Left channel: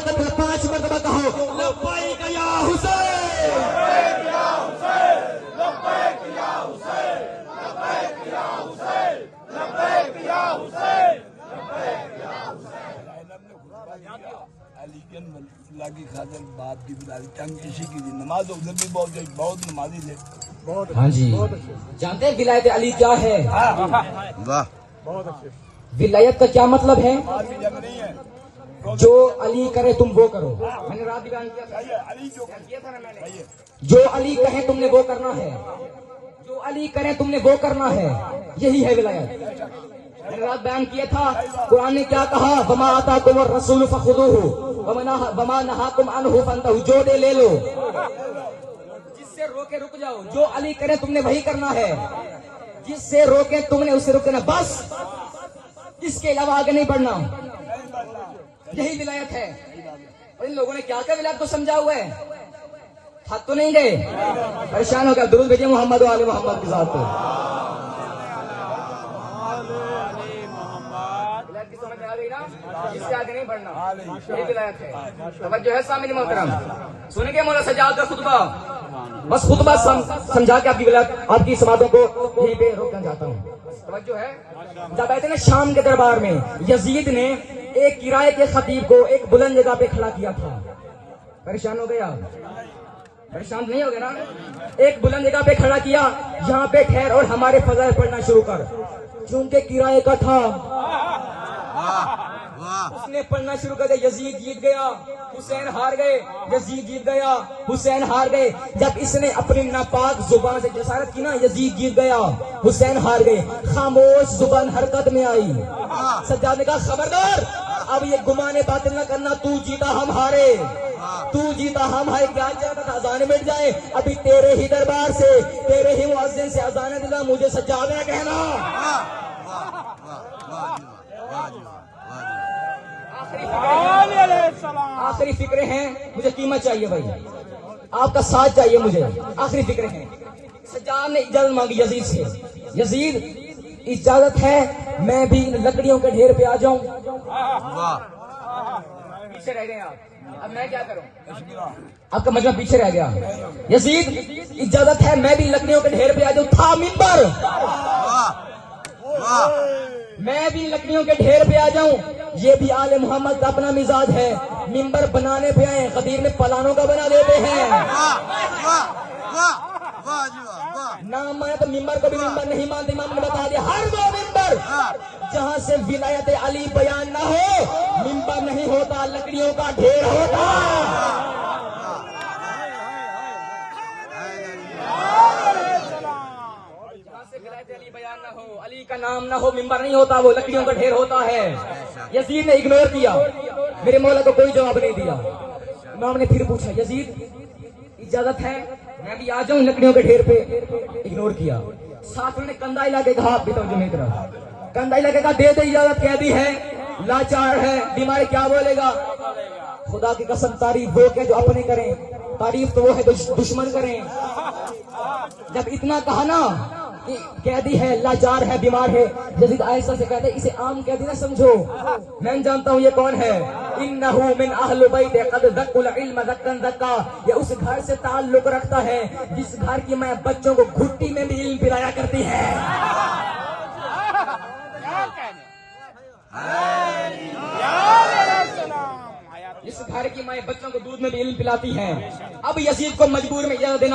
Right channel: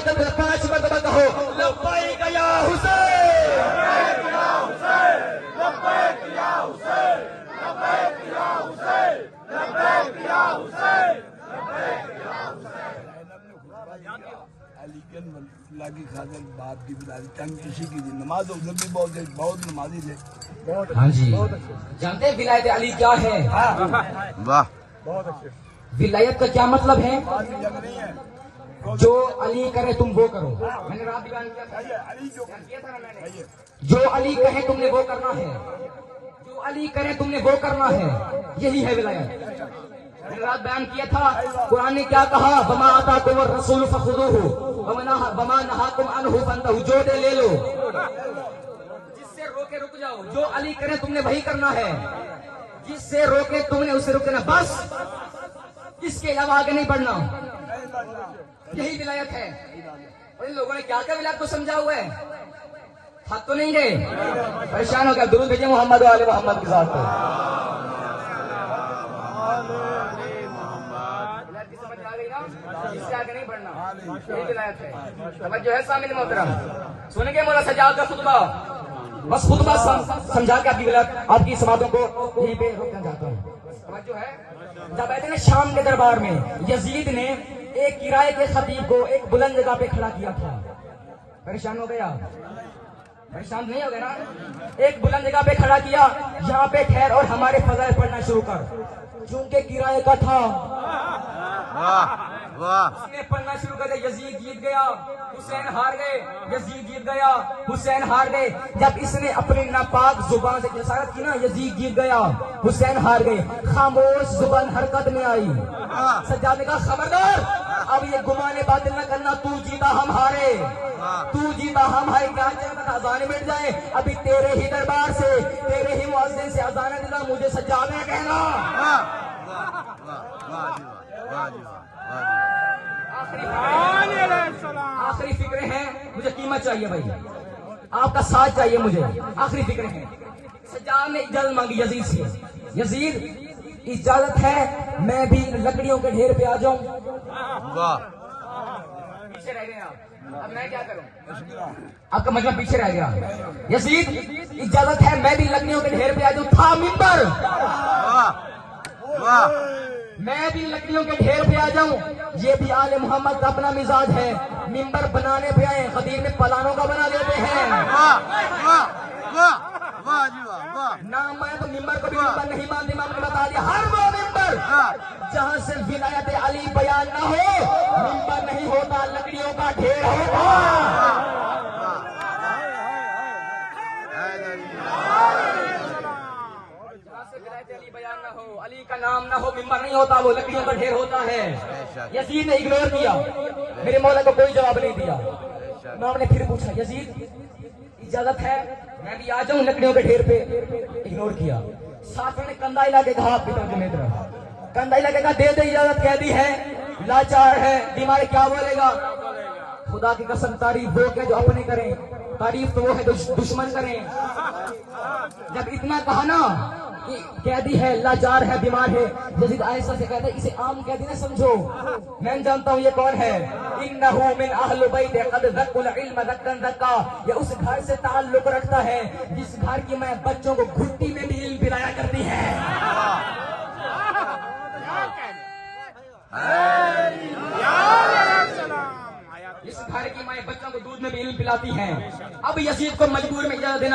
5 मरतबा कहो लब्बैक या हुसैन, लब्बैक या हुसैन, लब्बैक या हुसैन, लब्बैक या हुसैन, लब्बैक या हुसैन, लब्बैक या हुसैन। अली की खातिर बात भी बुलाई तंग इसी की नमाज उधर भी बहुत नमाजी थे। हाँ जी, जानते हैं विलायत अली क्या है? वाह, बहुत अच्छे। विलायत का क्या मतलब है? जो अली करे तुम वो करो। मैंने रात बयान किया था ना मैंने, जो अली कहे तुमने वो करना है, जो अली करे तुमने वो करना है, यही है विलायत। मैंने रात बयान किया था कुरान ने क्या कहा, वमा आताकुम रसूल फखुदूहु वमा नहाकुम अन्हु फंतहु, जो दे ले लो, जिससे रोके रुक जाओ। जो अली करे तुमने वही करना है, जिससे रोके तुमने उससे रुकना, बस इसके अलावा आगे नहीं बढ़ना। यही विलायत है। और इन लोगों ने क्या क्या विलायत को समझा हुआ है, थक तो नहीं गए, परेशान हो गया। दुरूद भेजिए मोहम्मद वाले मोहम्मद के साथ। विलायत की समझ में आ गई ना, इससे आगे नहीं बढ़ना, यही विलायत है। तवज्जो है सामने मोहतरम, सुनेंगे मौला सजाद का खुतबा, बस खुतबा समझा के आपकी विलायत आपकी समातों को यहीं पे रोकना चाहता हूँ। तवज्जो है। जब आए थे ना शाम के दरबार में, यजीद ने एक किराए के खतीब को एक बुलंद जगह पे खड़ा किया था। परेशान हो गए आप? परेशान नहीं हो गए ना? एक बुलंद जगह पे खड़ा किया, यहाँ पे ठहर और हमारे फजाइल पढ़ना शुरू कर। चूंकि किराए का था, उसने पढ़ना शुरू कर दिया। यजीद जीत गया, हुसैन हार गए, यजीद जीत गया, हुसैन हार गए। जब इसने अपनी नापाक जुबान से जसारत की ना, यजीद जीत गया, हुसैन हार गए। खामोश जुबान हरकत में आई। सज्जाद ने कहा खबरदार, अब ये गुमाने बातें न करना, तू जीता हम हारे, तू जीता हम हारे। क्या चाहता था अजान मिट जाए? अभी तेरे ही दरबार से, तेरे ही मुअज्जिन से अजान दिला, मुझे सज्जाद ने कहना। आखिरी फिक्रे हैं, मुझे कीमत चाहिए भाई, आपका साथ चाहिए मुझे। आखिरी फिक्रे हैं। सज्जाद ने इजाजत मांगी यजीद से, यजीद इजाजत है मैं भी लकड़ियों के ढेर पे आ जाऊं। पीछे रह गए आप, अब मैं क्या करूं? आपका मतलब पीछे रह गया। यजीद इजाजत है मैं भी लकड़ियों के ढेर पे आ जाऊं। था मिंबर, मैं भी लकड़ियों के ढेर पे आ जाऊं। ये भी आले मोहम्मद का अपना मिजाज है, मिंबर बनाने पे आए, खतीब में पलानों का बना देते हैं। नाम मैं तो मिंबर को भी मिंबर नहीं मानते। इमाम ने बता दिया हर वो मिंबर जहां से विलायत अली बयान न हो, मिंबर नहीं होता, लकड़ियों का ढेर होता। अली बयान ना हो, अली का नाम ना हो, मिंबर नहीं होता, वो लकड़ियों का ढेर होता है। यजीद ने इग्नोर किया, मेरे मौला को कोई जवाब नहीं दिया। इमाम ने फिर पूछा यजीद इजाजत है मैं भी आ जाऊं लकड़ियों के ढेर पे? इग्नोर किया। साथ ने कंधा हिला के कहा, कंधा हिला के कहा दे दे इजाजत, कह दी है, लाचार है, बीमार, क्या बोलेगा? खुदा की कसम तारीफ वो के जो अपने करें, तारीफ तो वो है दुश्मन करें। जब इतना कहा ना, कह दी है, लाचार है, बीमार है, यजीद आयशा से कहते इसे आम कह दी ना समझो, मैं जानता हूँ ये कौन है। इन्नहु मिन अहल बैत क़द ज़क्कुल इल्म ज़क्कन ज़क्का, ये उस घर से ताल्लुक रखता है जिस घर की मां बच्चों को घुट्टी में भी इल्म पिलाया करती है। इस घर की मां बच्चों को दूध में भी इल्म पिलाती है। अब यजीद को मजबूर में इजाजत देना